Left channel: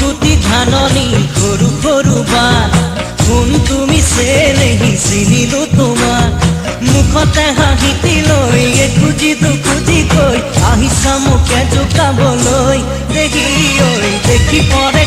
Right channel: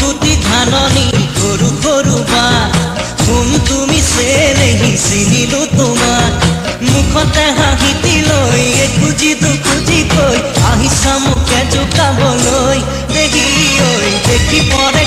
গুটি ধাননি সৰু সৰু বাট কোন তুমি চেনেহি চিনিলো তোমাক মুখতে হাঁহিটি লৈ খুজি দুখুজি কৈ আহিছা মোকে জোকাবলৈ দেখি ঐ দেখি পৰে